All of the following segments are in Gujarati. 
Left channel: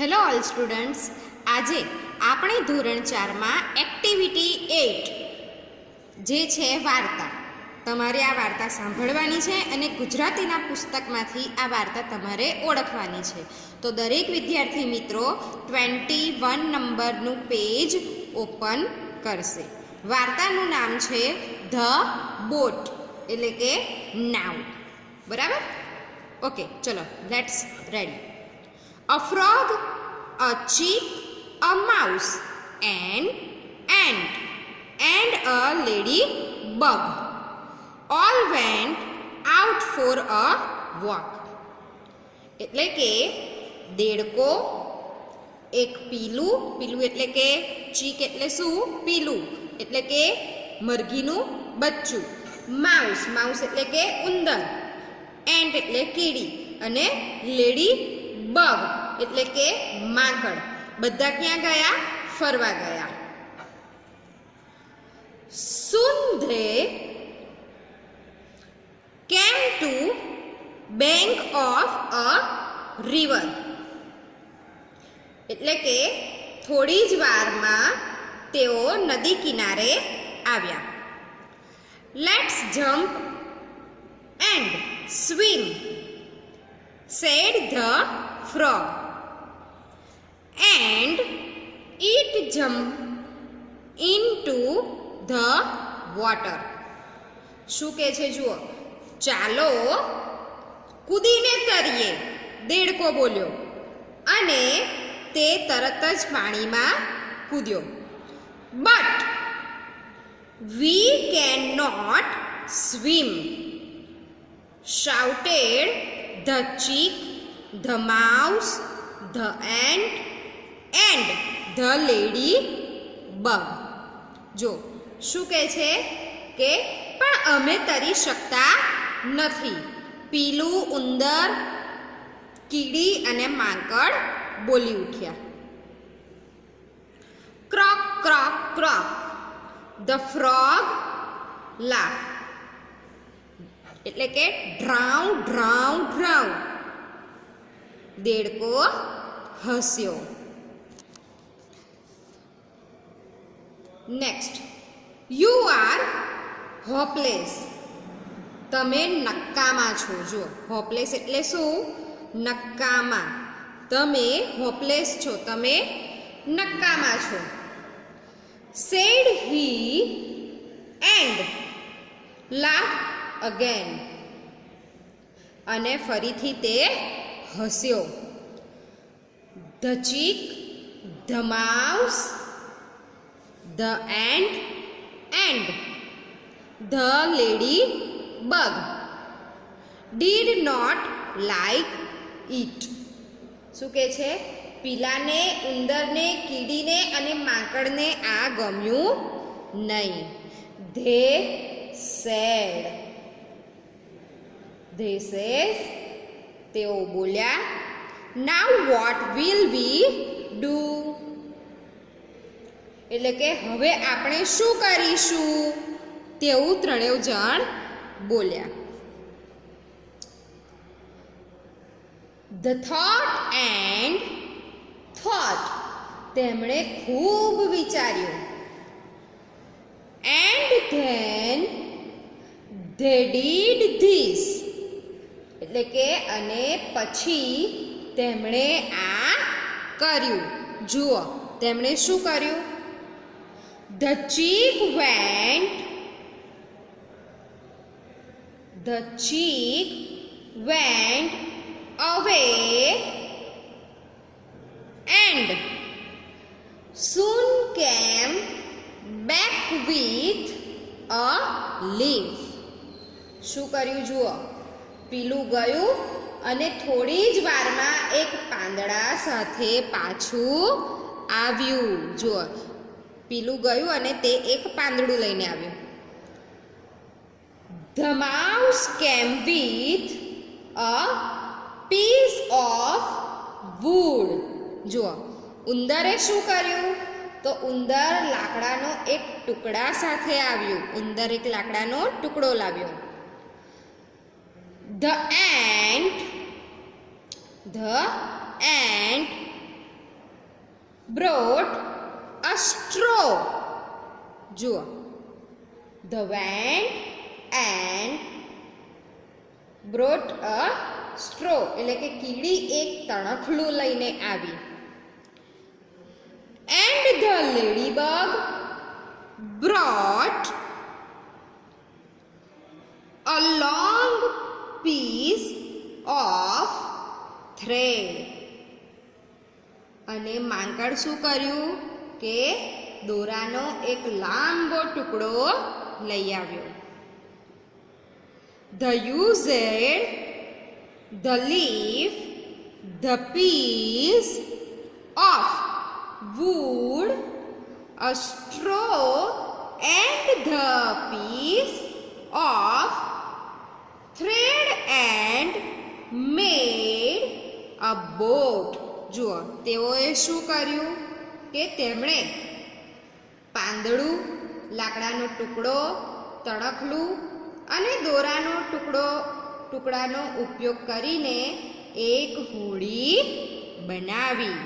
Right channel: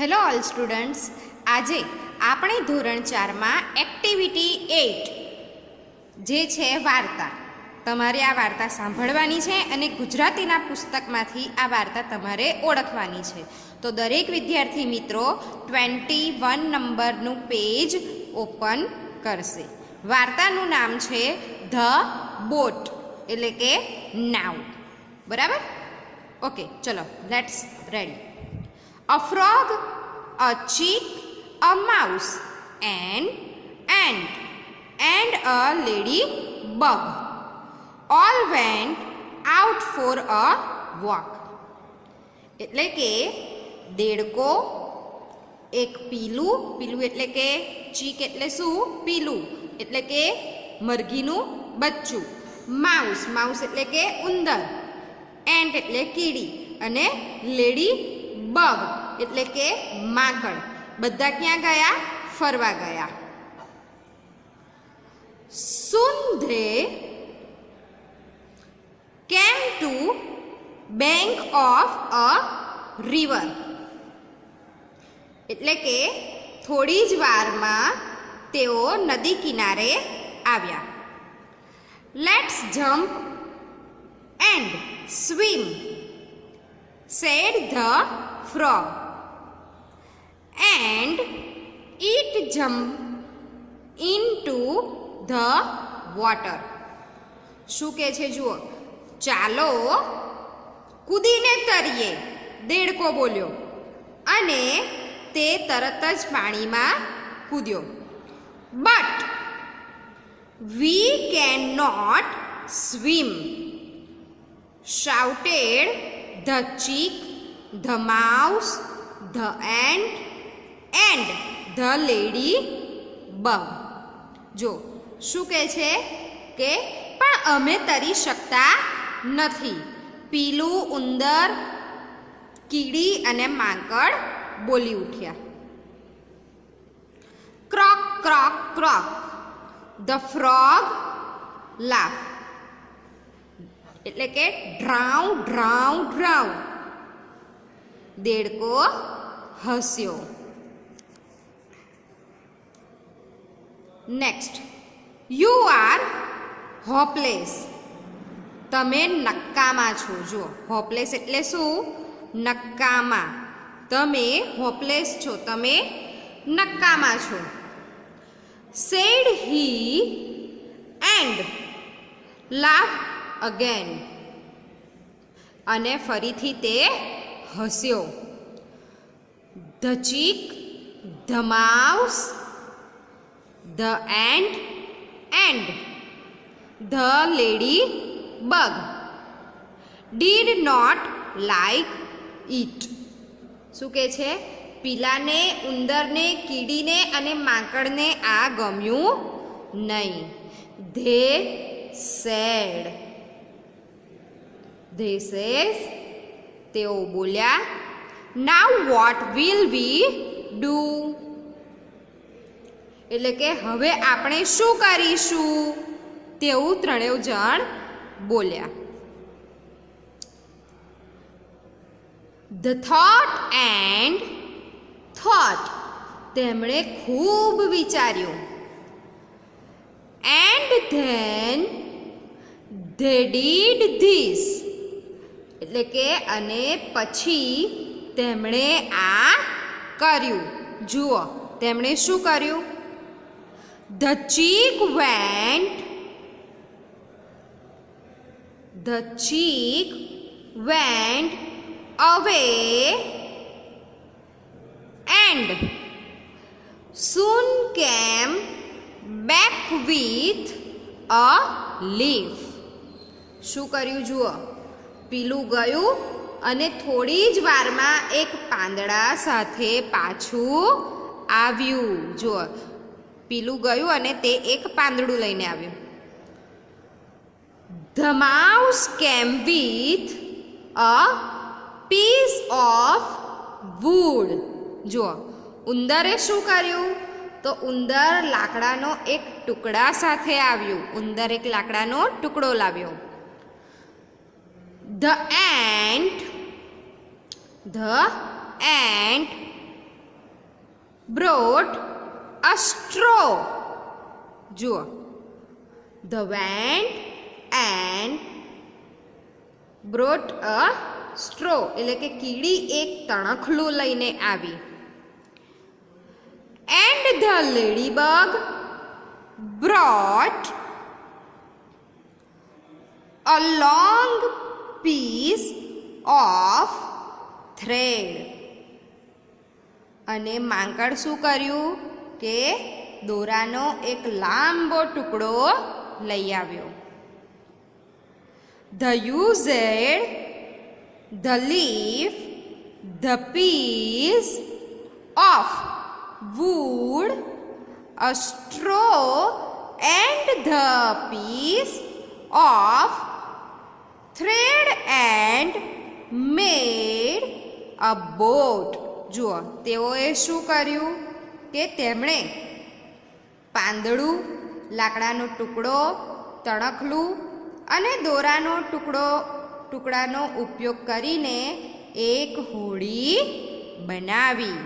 હેલો ઓલ સ્ટુડન્ટ્સ, આજે આપણે ધોરણ 4માં એક્ટિવિટી 8 જે છે વાર્તા, તમારે આ વાર્તા સાંભળવાની છે અને ગુજરાતીના પુસ્તકમાંથી આ વાર્તા તમારે ઓળખવાની છે. તો દરેક વિદ્યાર્થી મિત્રો 21 નંબરનું પેજ ઓપન કરશે. વાર્તાનું નામ છે ધ બોટ, એટલે કે નાવ. બરાબર? ઓકે, ચલો let's ready. A frog, a chick, a mouse, an ant, and a ladybug all went out for a walk. એટલે કે દેડકો, એક પીલું એટલે કે ચીક એટલે શું? પીલું એટલે કે મરઘીનું બચ્ચું. માઉસ એટલે કે ઉંદર. એન્ટ એટલે કીડી. અને લેડી બગ એટલે કે માંકડ. બધા ક્યાં ગયા? ફરવા ગયા. Soon they came to bank of a river. એટલે કે થોડી જ વારમાં તેઓ નદી કિનારે આવ્યા. Let's jump and swim, said the frog, and it jumped into the water. શું કહે છે જુઓ, ચાલો કૂદીને તરીએ, દેડકો બોલ્યો, અને તે તરત જ પાણીમાં કૂદ્યો. But we cannot swim, shouted the chick, the mouse, the ant, and the ladybug. જો શું કહે છે કે પણ અમે તરી શકતા નથી. પીલું, ઉંદર, કીડી અને માંકડ બોલી ઉઠ્યા. ક્રોક ક્રોક ક્રોક, the frog laughed. એટલે કે ડ્રાઉ ડ્રાઉ ડ્રાઉ, દેડકો હસ્યો. Next, you are hopeless. તમે નક્કામાં છો. જો હોપલેસ એટલે શું? નક્કામાં. તમે હોપલેસ છો, તમે નક્કામાં છો. Said he and laugh again. અને ફરીથી તે હસ્યો. The chick, the mouse, the ant and the ladybug did not like it. શું કહે છે? પીલાને, ઉંદરને, કીડીને અને માંકડને આ ગમ્યું નહીં. They sad. They says, તેઓ બોલ્યા, now what will we do? એટલે કે હવે આપણે શું કરીશું? તેવું ત્રણેય જણ બોલ્યા. The thought and thought. તેમણે ખૂબ વિચાર્યું. And then they did this. એટલે કે અને પછી તેમણે આ કર્યું. જુઓ તેમણે શું કર્યું? The chick went away and soon came back with a leaf. શું કર્યું? જુઓ, પીલું ગયું અને થોડી જ વારમાં એક પાંદડા સાથે પાછું આવ્યું. જુઓ, પીલું ગયું અને તે એક પાંદડું લઈને આવ્યું. The mouse came with a piece of wood. જુઓ, ઉંદરે શું કર્યું? તો ઉંદર લાકડાનો એક ટુકડા સાથે આવ્યું. ઉંદર એક લાકડાનો ટુકડો લાવ્યો. The ant brought a straw. જુઓ, the went and brought a straw એટલે કે કીડી એક તણખલું લઈને આવી. And the ladybug brought a long piece of thread. અને માંકડ શું કર્યું કે દોરાનો એક લાંબો ટુકડો લઈ આવ્યો. The used the leaf, the piece of wood, a straw and the piece of thread and made a boat. જુઓ, તેઓએ શું કર્યું કે તેમણે પાંદડું, લાકડાનો ટુકડો, તણખલું અને દોરાનો ટુકડાનો ઉપયોગ કરીને એક હોડી બનાવી.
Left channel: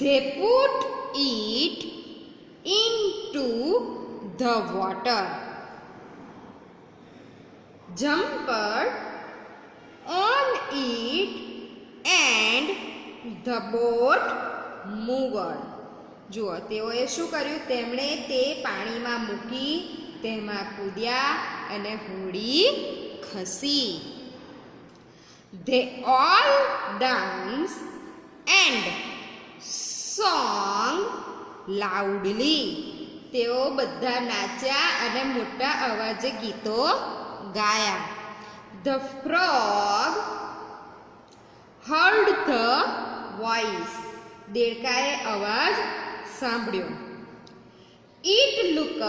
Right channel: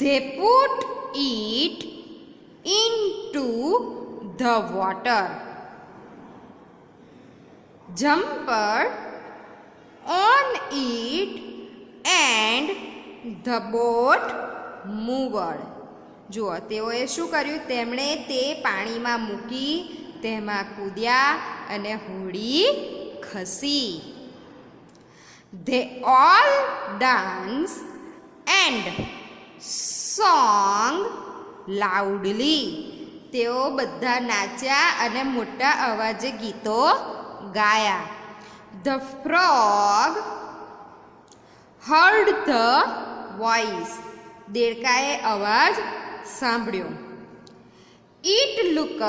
They put it into the water, jumped on it and the boat moved. જુઓ, તેઓએ શું કર્યું, તેમણે તે પાણીમાં મૂકી, તેમાં કૂદ્યા અને હોડી ખસી. They all danced and song loudly. તેઓ બધા નાચ્યા અને મોટા અવાજે ગીતો ગાયા. The frog heard the voice. દેડકાએ અવાજ સાંભળ્યો. It looked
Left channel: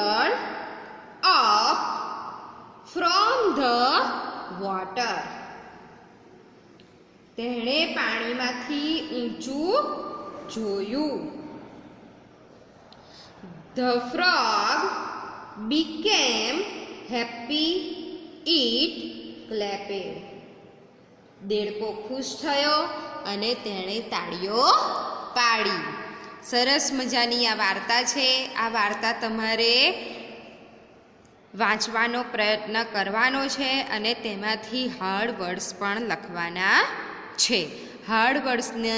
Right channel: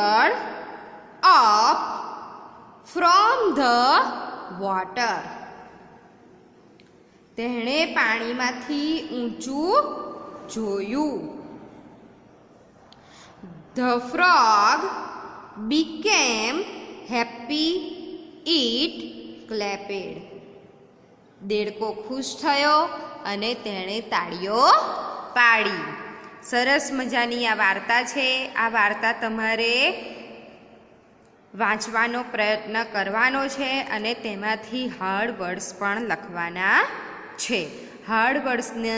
up from the water. તેણે પાણીમાંથી ઊંચું જોયું. The frog became happy. It clapped. દેડકો ખુશ થયો અને તેણે તાળીઓ પાડી. સરસ મજાની આ વાર્તા છે. આ વાર્તા તમારે વાંચવાનો પ્રયત્ન કરવાનો છે અને તેમાંથી હાર્ડ વર્ડ્સ પણ લખવાના છે. હાર્ડ વર્ડ્સને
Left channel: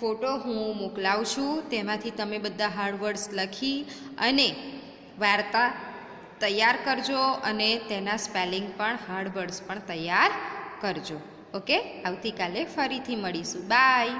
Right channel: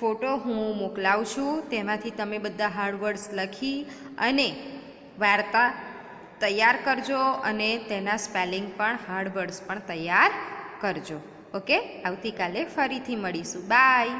ફોટો હું મોકલાવું છું. તેમાંથી તમે બધા હાર્ડ વર્ડ્સ લખી અને વાર્તા તૈયાર કરજો અને તેના સ્પેલિંગ પણ હાર્ડ વર્ડ્સ પણ તૈયાર કરજો. ઓકે, આવતીકાલે ફરીથી મળીશું. બાય.